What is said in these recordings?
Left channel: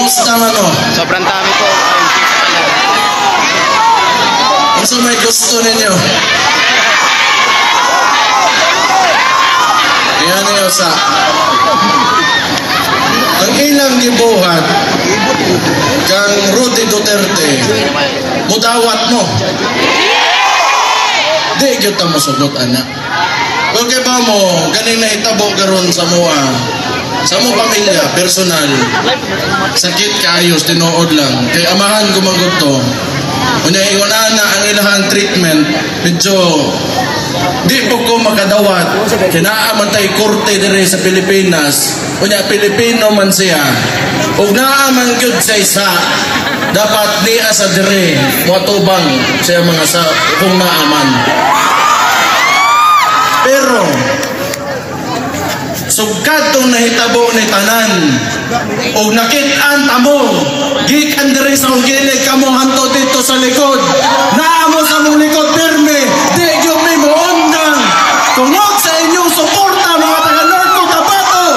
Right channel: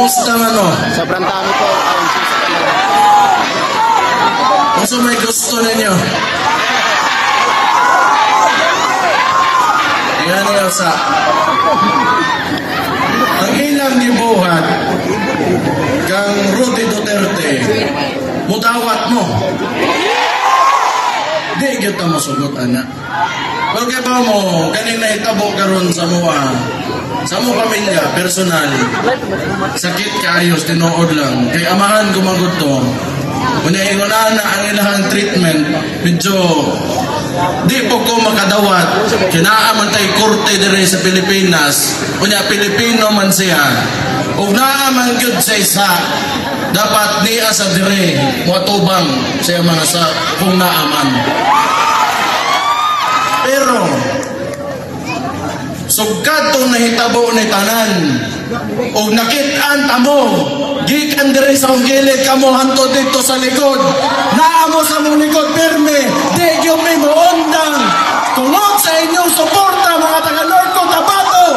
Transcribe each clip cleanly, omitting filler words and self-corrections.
Kamusta ano? Sobrang dami po. Ano may gusto ninyo? Ayan ngayon sa ang ilang gibuhat kang Rudy Duterte mutawat mo di kita masunod anak kung kaya ba mo kanina itabo karon sa mo pamilya, personal sakit kaayos, tinood lang kay amahan gumagot to kanya iwanan na ang ilahang treatment medyo di po ko makadawat kinaaman tayo korte din sa Pilipinas kanya Pilipino man siya ug naaman gyud sa isa dapat di asa dire matubang sa mga sa kung naaman pero sugkatong nahitabo ni tanan o nakit-an tamo gikan diri sa ungkilig kamo hanto dito sa likod naamo sa mong likod pirme di yung may muundang tungod sa inyong suporta mga taga North Cotabato.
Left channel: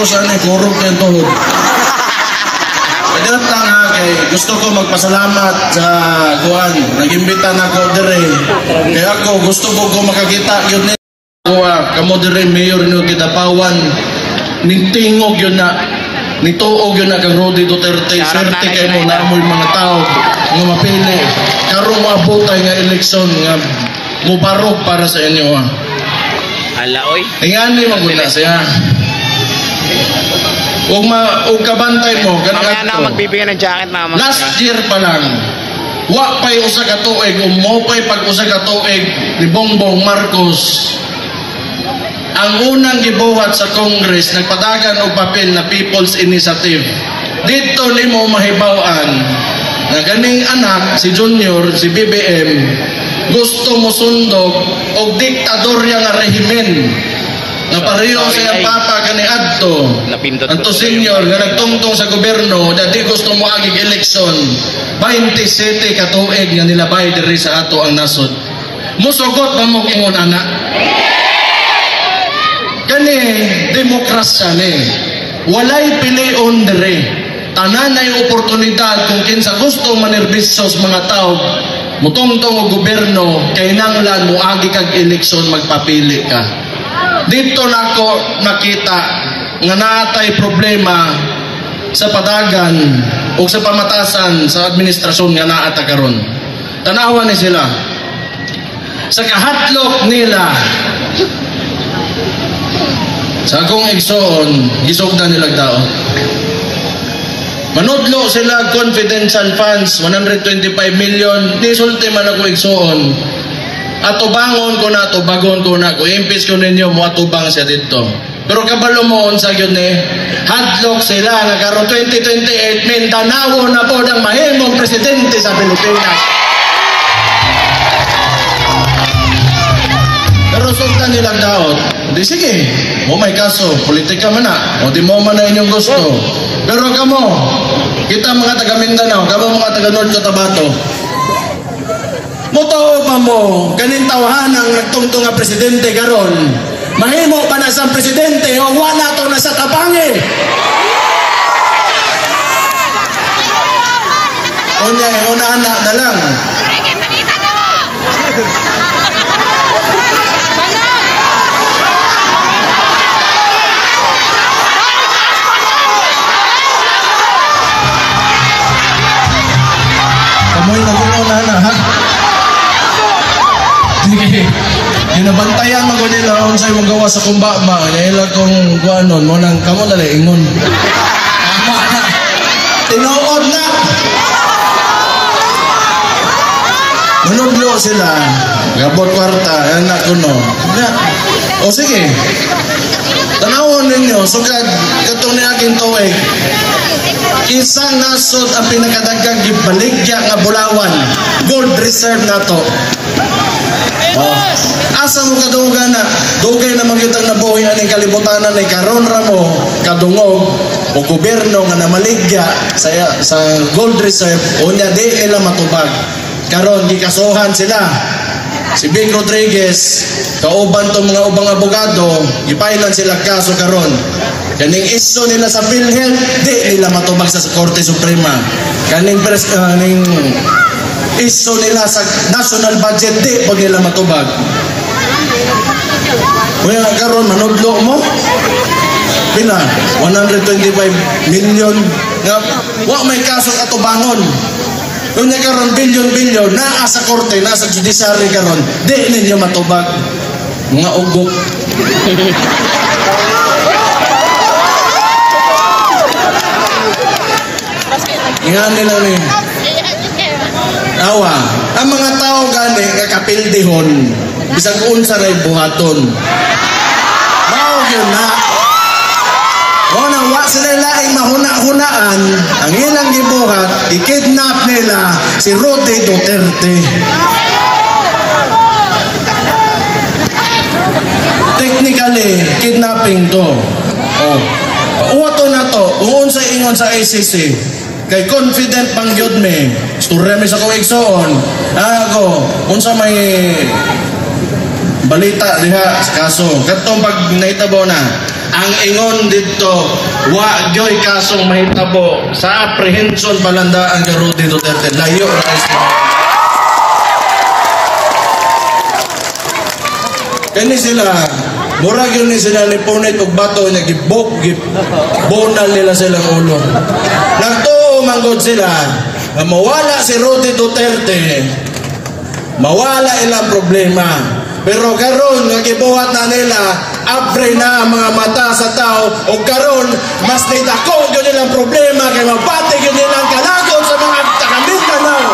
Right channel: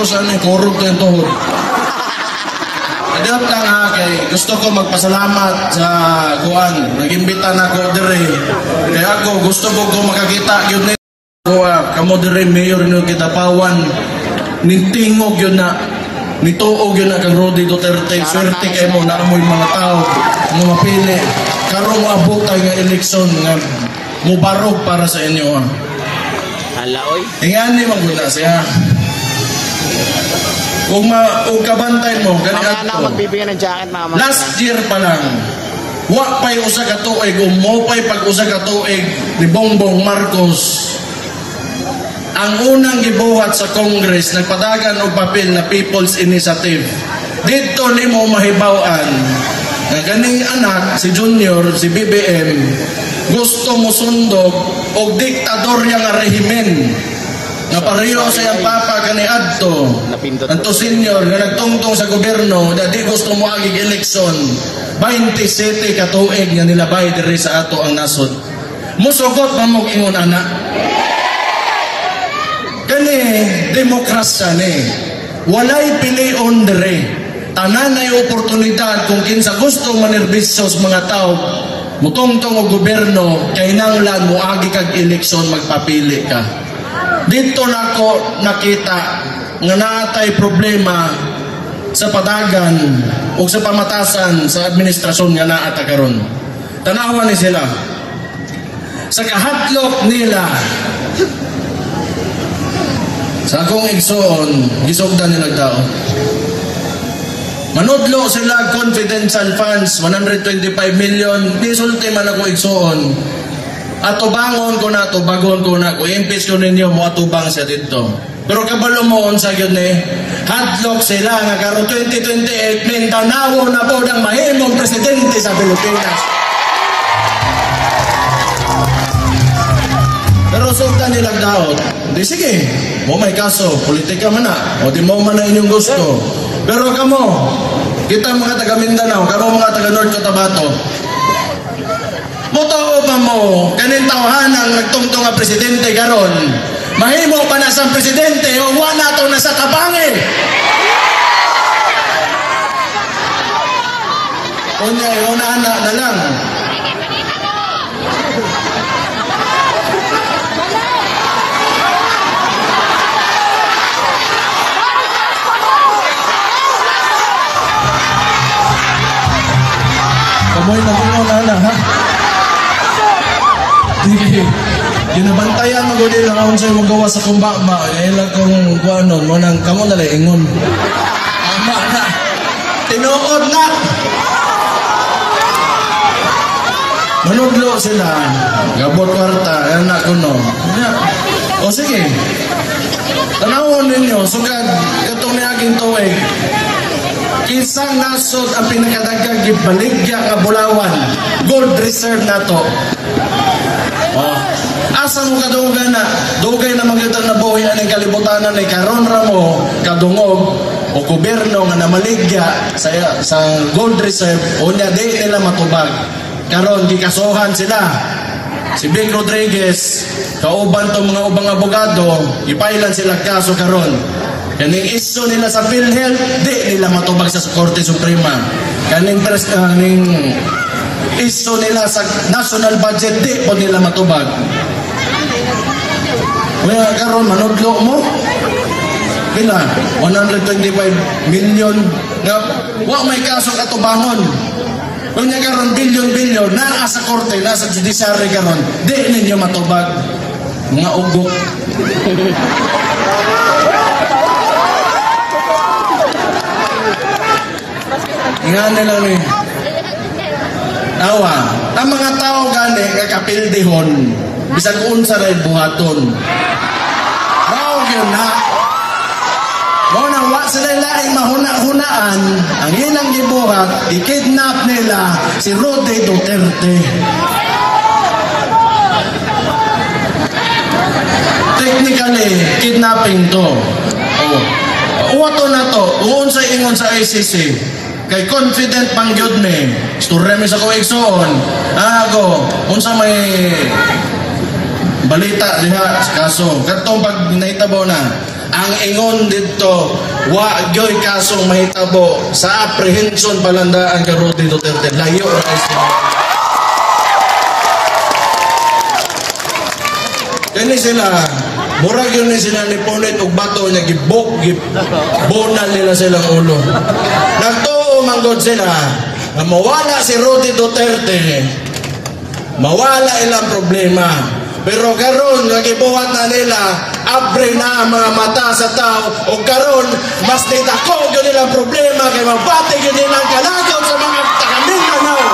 Ko sa ni kurog ng tuhod. Kadat lang ha kay gusto ko magpasalamat sa kuan. Nag-imbita na ko dire. Kaya ako gusto ko makakita gyud ni ko kamo dire mayor ni Kidapawan. Nitingog yun na nituog yun na kang Rudy Duterte. Swerte kay mo na amoy mga tao nga mapili. Karon maabotay nga eleksyon nga mubarog para sa inyo ha. Hala oy. Ingani magwila siya. Kung kabantay mo, mamaya na magbibigay ng jacket mga last year pa lang, wa pa'y usa ka tuig, mo pa'y pag-usa ka tuig ni Bongbong Marcos. Ang unang gibuhat sa Congress, nagpadagan og papel na People's Initiative. Dito nimo mahibaw-an na ganing anak, si Junior, si BBM, gusto mo sundog og diktadorya nga rehimen. Na pareho sa iyang papa kani adto anto senior nga nagtungtong sa gobyerno na di gusto mo agig eleksyon 27 ka tuig nga nilabay diri sa ato ang nasod musugot pa mo ingon anak kani demokrasya ni walay pilion diri tanan ay oportunidad kung kinsa gusto manerbisyo sa mga tao mutungtong og gobyerno kay nanglan mo agi kag eleksyon magpapili ka. Dito na ako nakita nga naatay problema sa padagan o sa pamatasan sa administrasyon nga naata karon. Tanawan ni sila. Sa kahatlok nila sa akong igsoon, gisugdan nila tao. Manudlo sila confidential funds, 125 million, di sulti man ako igsoon. Atubangon ko na, atubagon ko na, kung impis ko ninyo, mo atubang siya dito. Pero kabalo mo, sa yun hadlock sila, nga karon 2028, Mindanao na po ng mahimong presidente sa Pilipinas. Pero sultan nilang daot, di sige, mo may kaso, politika man na, o di mo man na inyong gusto. Pero kamo, kita mga taga Mindanao, kamo mga taga North Cotabato, motoo pa mo, kanin tawahan ang nagtungtong nga presidente karon. Mahimo pa na sa presidente, o wala to na sa tabangi. Una anak na lang. Kamoy nag-una na ha? Ginabantayan mo din na sa'yo magawa sa kumbama. Nahilag kong guanon mo nang kamo na ingon. Tama na. Tinuod na. Manuglo sila. Gabot kwarta. Anak ko no. O sige. Tanawon ninyo. Sugad. Katong ni aking tuwig. Isang nasod ang pinakadagang gibaligya nga Bulawan. Gold reserve na to. O Asa mo kadugan na dugay na magyutang nabuhi aning kalibutanan ni karon ra mo kadungog o gobyerno nga namaligya sa gold reserve unya di nila matubag. Karon gikasuhan sila. Si Bing Rodriguez, kauban tong mga ubang abogado, ipailan sila kaso karon. Kaning iso nila sa PhilHealth, di nila matubag sa Korte Suprema. Kaning iso nila sa national budget, di po nila matubag. Kaya karon manudlo mo? Pila? 125 million na wa may kaso katubangon. Unya karon bilyon-bilyon naa sa korte, nasa judiciary karon, di ninyo matubag. Mga ugok. Nga nila ni awa. Ang mga tao gani kakapildihon bisag unsa ray buhaton. Mao gyud na. Mo nang wa sila laing mahuna-hunaan, ang ilang gibuhat, i-kidnap nila si Rudy Duterte. Technically, kidnapping to. Uwato na to, uon sa ingon sa ICC. Kay confident pang gyud me. Storya mi sa ko igsoon. Ako, unsa may balita diha sa kaso. Katong pag nahitabo na, ang ingon dito, wa gyoy kasong mahitabo sa apprehension palandaan kay Rudy Duterte. Layo ra siya. Kani sila, murag yun sila ni punit og bato niya bonal nila silang ulo. Nagtuo manggod sila, mawala si Rudy Duterte, mawala ilang problema. Pero karon nagibuhat na nila, abre na ang mga mata sa tao, o karon mas nitako yun nilang problema kay mabati yun nilang kalagot sa mga taga-Mindanao.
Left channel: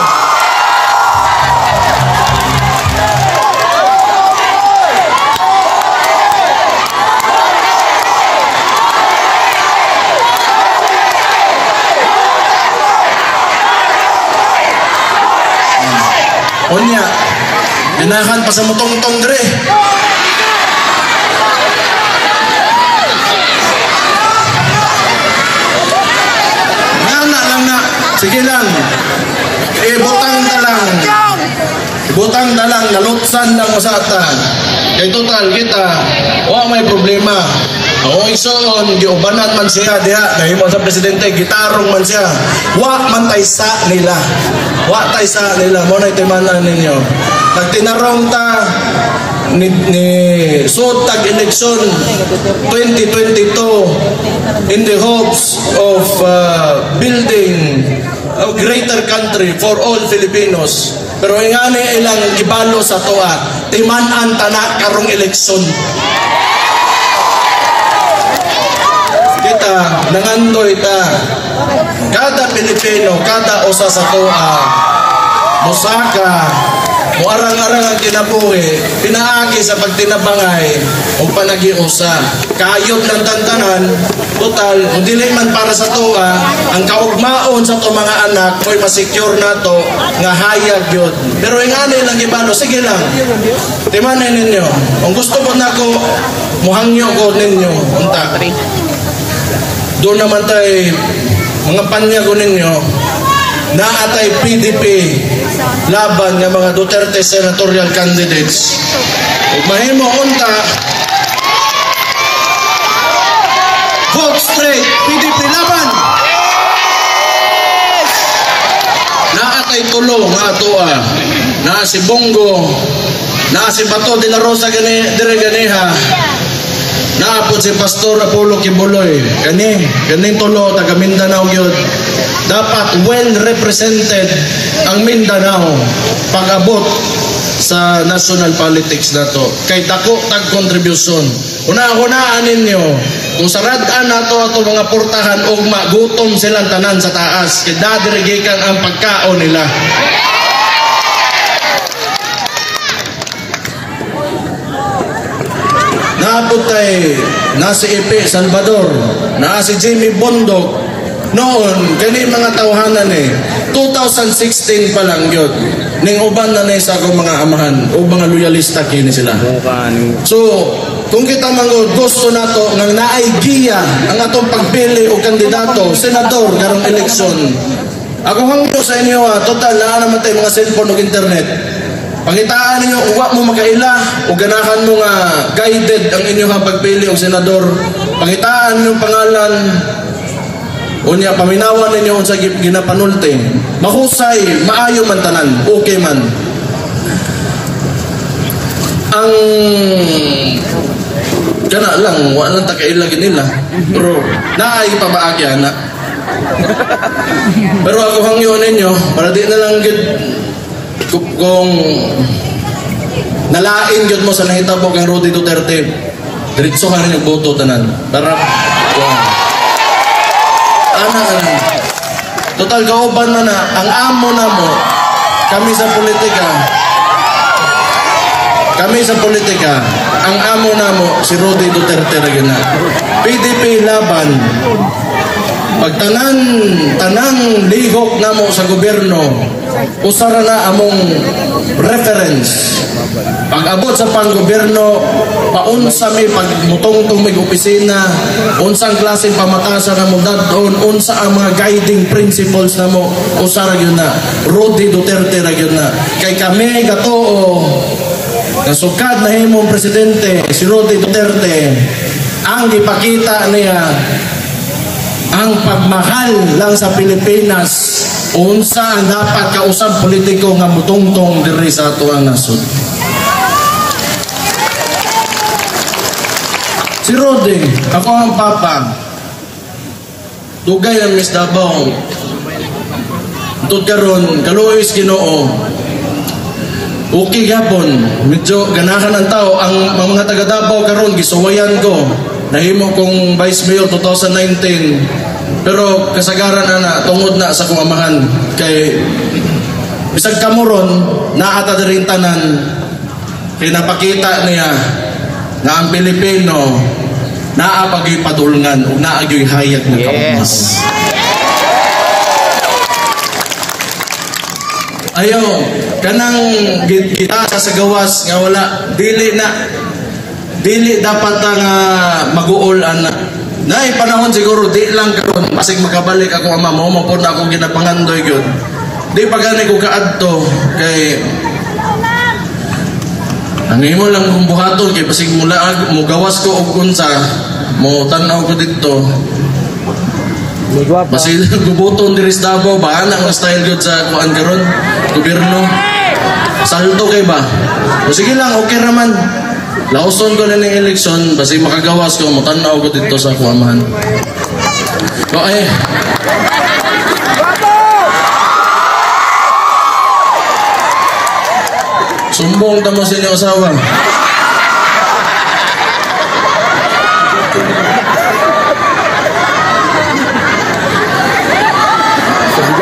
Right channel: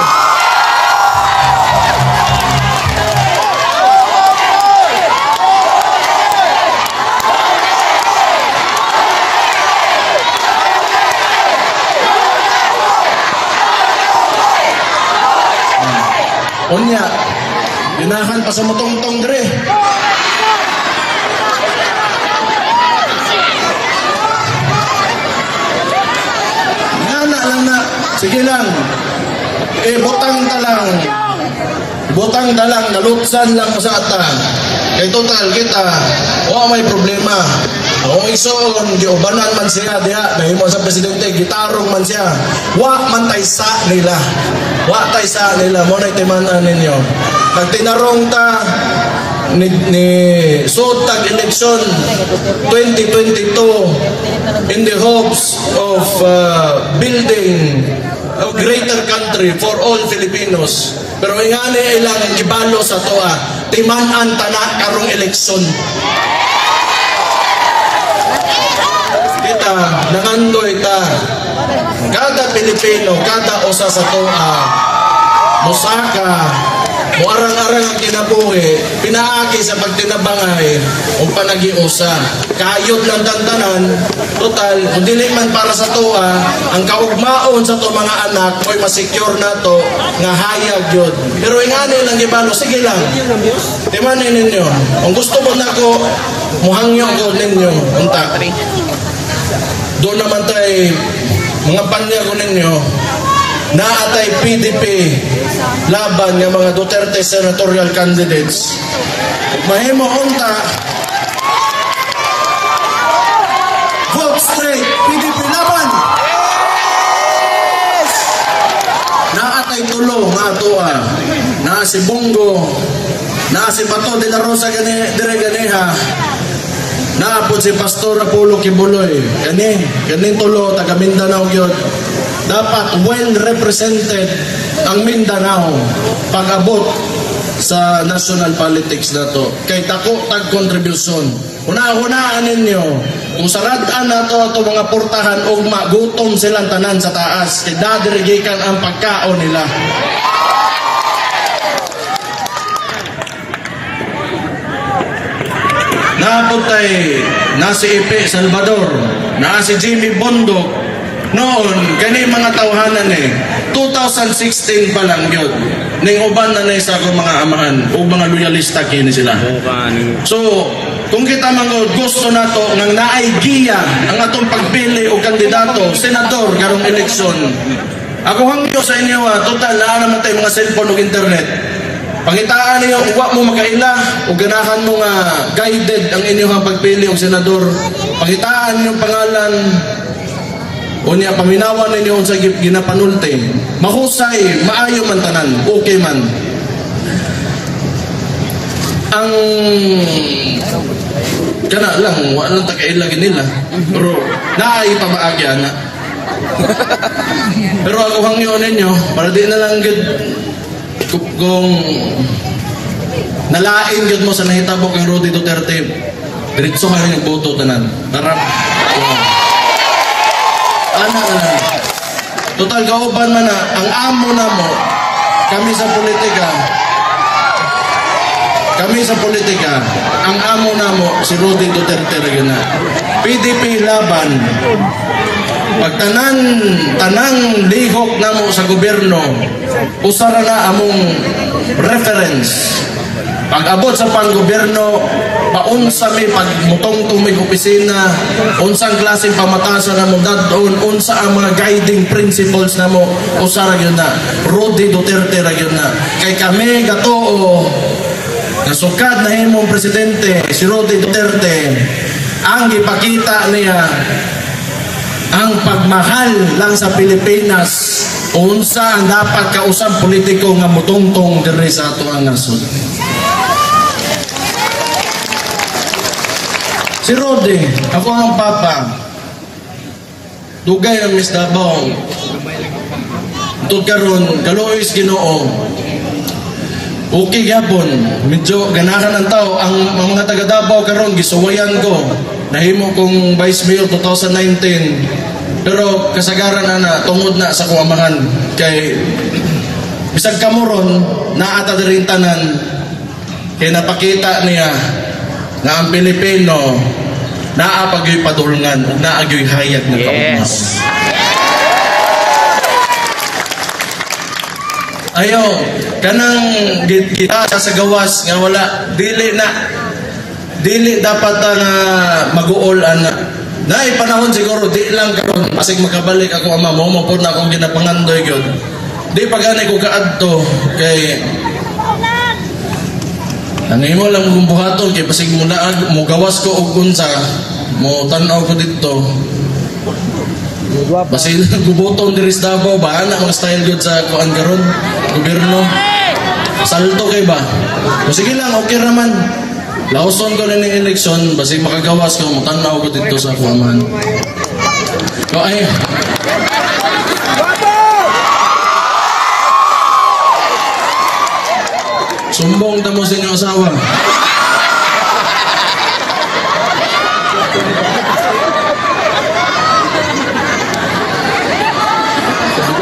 Onya, ginahan pa sa mutong-tong dre. Nana lang na, sige lang. Butang talang, nalutsan lang sa ata. Total kita, may problema. Isoon, giubanan man siya diha, dahil mo sa presidente, gitarong man siya. Man taysa nila. Taysa nila, mo na itimanan ninyo. Pag tinarong ta ni sutag election 2022 in the hopes of building a greater country for all Filipinos. Pero ingani ilang gibalo sa toa, timan-an tanak karong eleksyon. Kita nangandoy ta, kada Pilipino, kada usa sa toa, musaka, muarang-arang ang kinabuhi, pinaagi sa pagtinabangay o panagiusa. Kayot ng tantanan, total, kung dili man para sa toa, ang kaugmaon sa to mga anak, mo'y masecure na to, nga hayag yun. Pero ingani lang gibano, sige lang, timanin ninyo. Kung gusto mo na ko, muhangyo ko ninyo, untak. Doon naman tayo, mga panya ko ninyo, naatay PDP laban ng mga Duterte senatorial candidates. Mahimo unta, vote straight, PDP laban. Naatay tulo mga tua, naa si Bongo, naa si Bato de la Rosa dire ganeha, naapod si Pastor Apollo Kibuloy. Kaning tulo taga Mindanao gyud. Dapat well represented ang Mindanao pag-abot sa national politics na to. Kay tako tag contribution. Una-unaan ninyo, kung sarad-an nato ato mga portahan o magutom silang tanan sa taas, kay dadirigikan ang pagkaon nila. Naaputay na si Epe Salvador, na si Jimmy Bondok. Noon, kani mga tawhanan 2016 pa lang yun. ning uban na nay sa akong mga amahan o mga loyalista kini sila. So, kung kita manggod gusto nato nang naay giya ang atong pagpili og kandidato senador karong eleksyon. Ako hangyo sa inyo total na naman tayo mga cellphone ug internet. Pangitaan niyo uwa mo makaila o ganahan mo nga guided ang inyong pagpili og senador. Pangitaan niyo pangalan unya paminawan ninyo sa ginapanulti. Mahusay, maayo man tanan, okay man. Ang kana lang, walang takailag nila. Pero naay pamaagya na. Pero ako hangyo ninyo, para di na lang gud kung nalain gud mo sa nahitabo kang Rody Duterte. Diretso ka rin nagboto tanan. Para ana. Total kauban na ang amo na mo kami sa politika. Kami sa politika, ang amo na mo si Rody Duterte ra gyud na. PDP laban. Pag tanan lihok na mo sa gobyerno, usara na among reference. Pag abot sa panggobyerno, paunsa may pagmutong may opisina, unsang klaseng pamatasan na mo dadon, unsa ang mga guiding principles na mo, usara yun na. Rody Duterte ra yun na. Kay kami gatoo, nasukad na himong presidente, si Rody Duterte, ang ipakita niya, ang pagmahal lang sa Pilipinas, unsa ang dapat kausap politiko nga mutungtong diri sa ato ang nasod. Si Rody, ako ang papa. Dugay ng Miss Davao. Tud karon, kaluoy Ginoo. Okay gyapon, medyo ganahan ang tao. Ang mga taga Davao karon gisuwayan ko. Nahimo kong Vice Mayor 2019. Pero kasagaran na tungod na sa kong amahan kay bisag kamuron naata diri tanan kay napakita niya na ang Pilipino naapagyoy padulngan ug naagyoy hayag ng kaumas. Ayaw kanang kita sa gawas nga wala dili dapat nga mag-uol ana. Nay panahon siguro di lang karon asig makabalik ako ama mo po na akong ginapangandoy gyud. Di pagani ko kaadto kay ang imo lang kung buhaton kay basig mula mo gawas ko og unsa mo tan-aw ko didto. Basig gubuton diri sa Davao ba ang style gyud sa kuan karon gobyerno. Salto kay ba? O sige lang okay ra man. Lauson ko na ng eleksyon, basi makagawas ko, matanaw ko dito sa kuamahan. Okay. Sumbong tamo sa inyong asawa.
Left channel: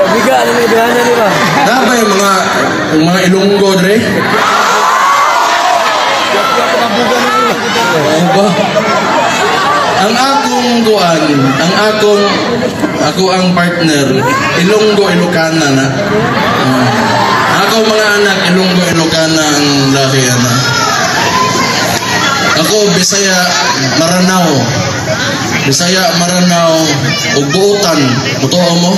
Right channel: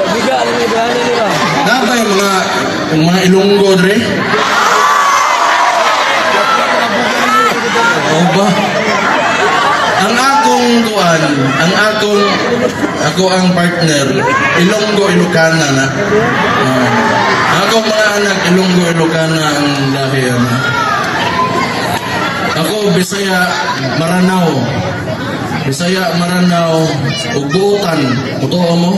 Biga-biga, ano yung biyanan nila? Dapat yung mga Ilonggo, Dre? Ang akong kuan, ako ang partner, Ilonggo Ilocana na. Ako mga anak, Ilonggo Ilocana ang lahi na. Ako Bisaya Maranao, ug buutan, totoo mo?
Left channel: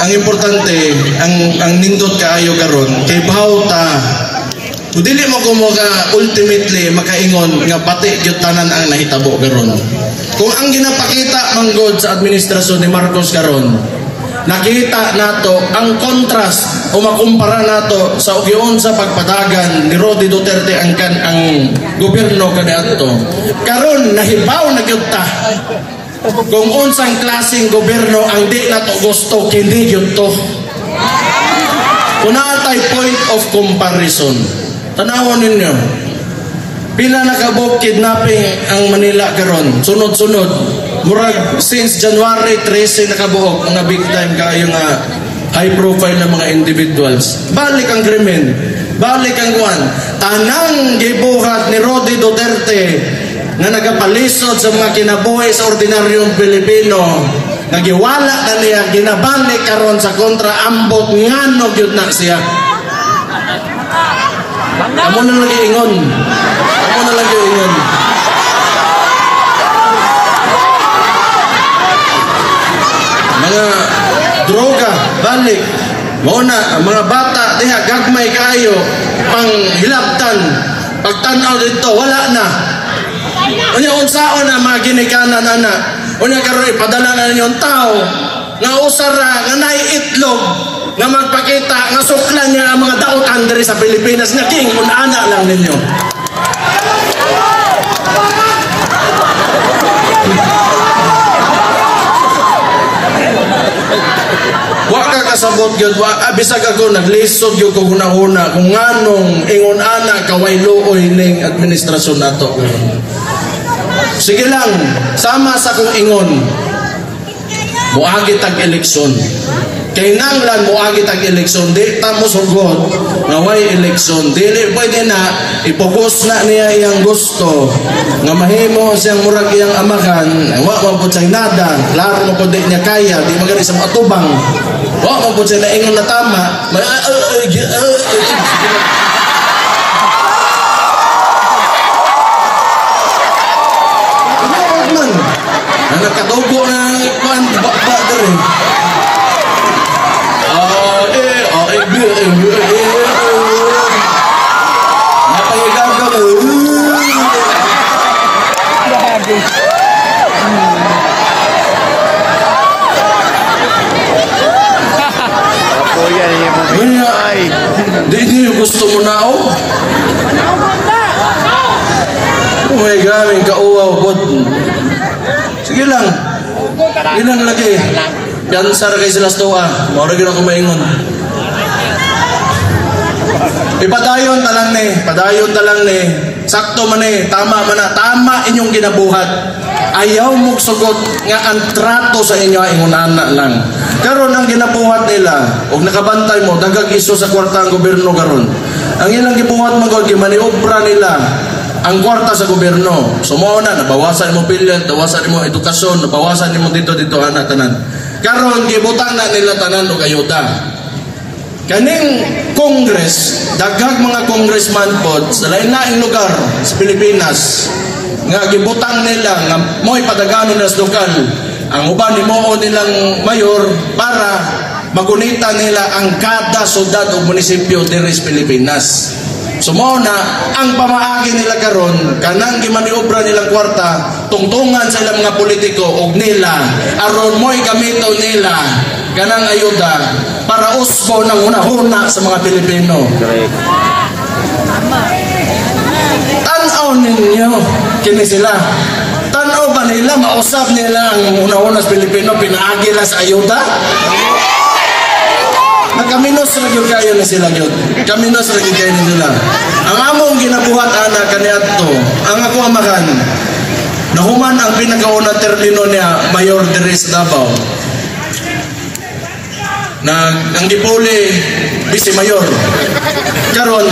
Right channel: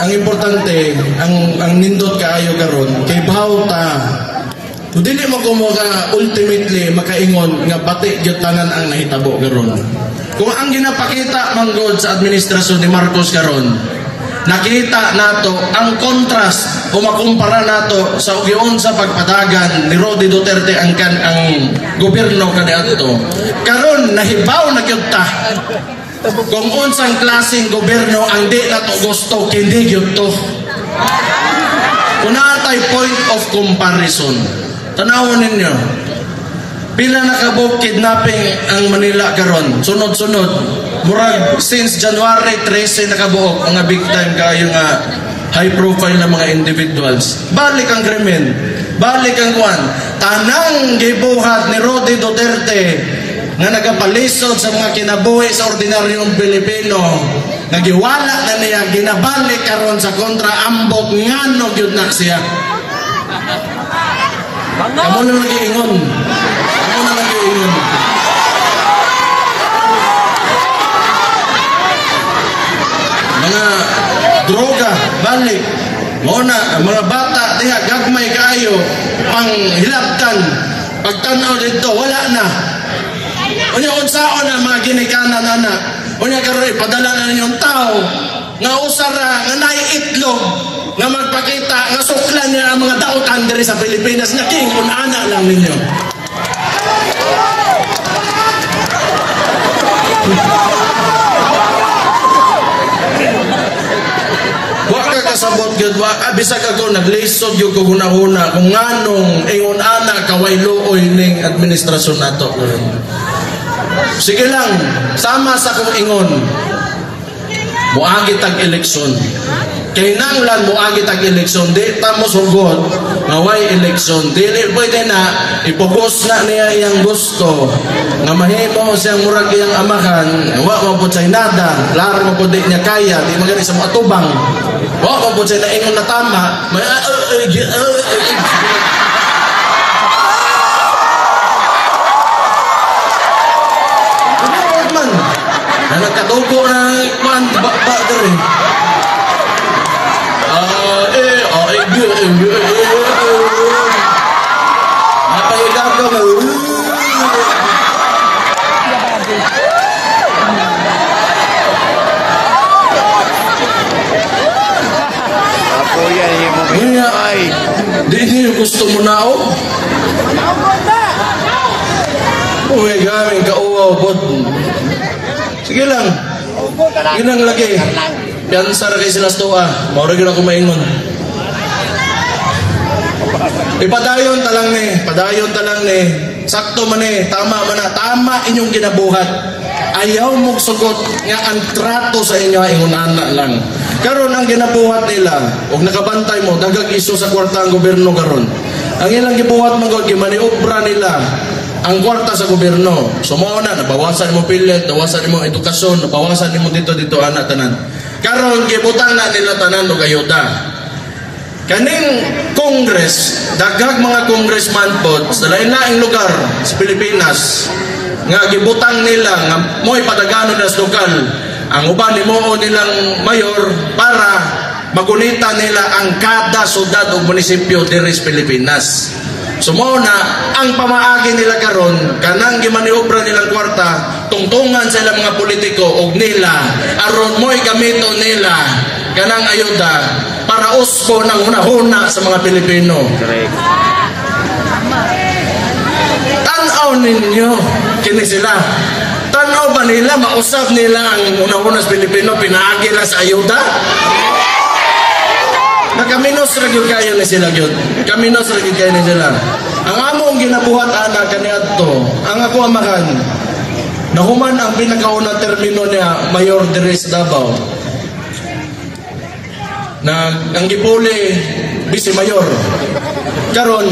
Ang importante, ang nindot kaayo karon kay bawta. Dili mo ko ultimately makaingon nga pati gyud tanan ang nahitabo karon. Kung ang ginapakita manggod sa administrasyon ni Marcos karon, nakita nato ang kontrast o makumpara nato sa ugyon sa pagpadagan ni Rody Duterte ang gobyerno kaniadto. Karon nahibaw na gyud ta. Kung unsang klaseng gobyerno ang di nato gusto, hindi yun to. Kung naatay point of comparison, tanawon ninyo, pila nakabuk kidnapping ang Manila karon, sunod-sunod. Murag since January 13 nakabuok ang victim kayo nga high profile na mga individuals. Balik ang krimen, balik ang kuan. Tanang gibuhat ni Rody Duterte nga nagapalisod sa mga kinabuhi sa ordinaryong Pilipino, nagiwala na niya, ginabalik karon sa kontra ambot ngano gyud na siya. Amo na lagi ingon. Amo na lagi ingon. Mga droga, balik. Muna, ang mga bata, diha, gagmay kayo, pang hilabtan, pagtanaw dito, wala na. Unya, unsaon na mga ginikanan na. Unya, karoon, ipadala na ninyong tao, nga usara, nga naiitlog, nga magpakita, nga suklan niya ang mga dautan diri sa Pilipinas, na king, unana lang ninyo. Wa ka kasabot gyud, bisag ako naglisod gyud ko hunahuna kung nganong ingon ana kaway luoy ning administrasyon nato. Sige lang, sama sa kong ingon. Muagi tag eleksyon. Kay nang lang muagi tag eleksyon, di ta mo sugot nga way eleksyon. Dili pwede na ipugos na niya iyang gusto nga mahimo siyang murag iyang amahan. Wa mo pud say nada, klaro mo pud di niya kaya, di magani sa matubang. Wa mo pud say naingon na tama. Man, nakadugo na man ba dere. Napahigang ka ba? Apo yan yung mga ay. Di niyo gusto mo na ako? Oh my God, may kauwaw po. Sige lang. Ilang lagi. Piansar kay sila stoa. Mauragin ako maingon. Ipadayon talang ni. Padayon talang ni. Sakto man eh. Tama man na. Tama inyong ginabuhat. Ayaw mong sugot nga ang trato sa inyo ay ingunana lang. Karon ang ginabuhat nila, og nakabantay mo, dagag iso sa kwarta ang gobyerno karon. Ang ilang gibuhat magod gimaniobra nila ang kwarta sa gobyerno. Sumo na, nabawasan mo pilyan, nabawasan mo edukasyon, nabawasan mo dito ana tanan. Karon gibutang na nila tanan og ayuda. Kaning Congress, dagag mga congressman pod sa lain-laing lugar sa Pilipinas nga gibutang nila nga mo'y padaganon na sa lokal. Ang uban himuon nilang mayor para magunita nila ang kada syudad o munisipyo diri sa Pilipinas. Sumo na ang pamaagi nila karon kanang gimaniobra nilang kwarta tungtungan sa ilang mga politiko og nila aron mo'y gamito nila kanang ayuda para usbo ng hunahuna sa mga Pilipino. Correct. Tanaw ninyo kini sila. Tanaw ba nila mausap nila ang hunahuna sa Pilipino pinaagi na sa ayuda? Nakaminos ra gyud kayo ni sila gyud. Kaminos ra gyud kayo ni sila. Ang among ginabuhat ana kaniadto, ang ako amakan. Nahuman ang pinakaunang termino niya Mayor Dres Davao. Na ang gipuli Vice Mayor. Karon